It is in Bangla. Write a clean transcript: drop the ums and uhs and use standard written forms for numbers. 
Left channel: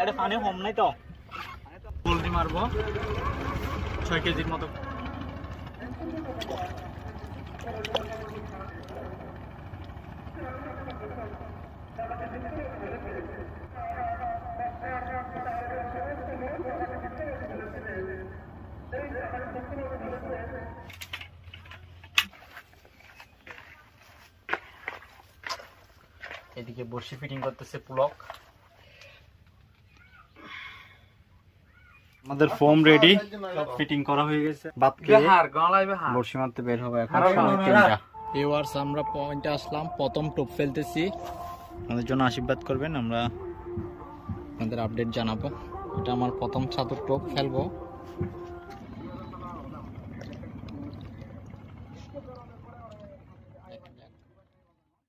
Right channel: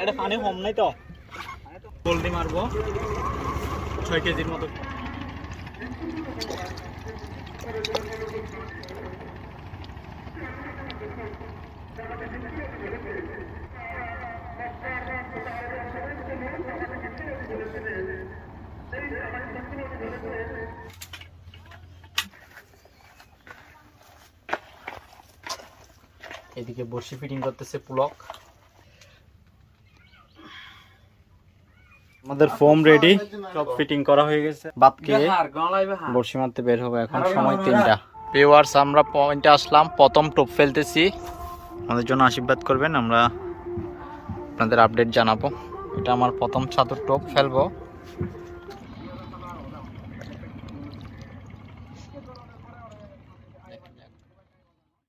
এটা পানি কম নাই তো পোল্ট্রি মারবো 6 কেজির মতো। এদিকে বড়শি ফিটিং করতেছে পুলক। আমাদের ফোম রেডি, সব ফিটিং করা হয়ে গেছে। বাদ খেয়ে বড়শি মারতে বের হবে। এখন সময় 3টা। ভিউয়ার্স, আমরা পয়েন্টে আসলাম, প্রথম টোপ ফেলতেছি। আমাদের জন্য আশীর্বাদ করবেন, আমরা আপনাদের আপডেট জানাবো। এটা আমার প্রথম ছাতুর টোপ ফেলবো।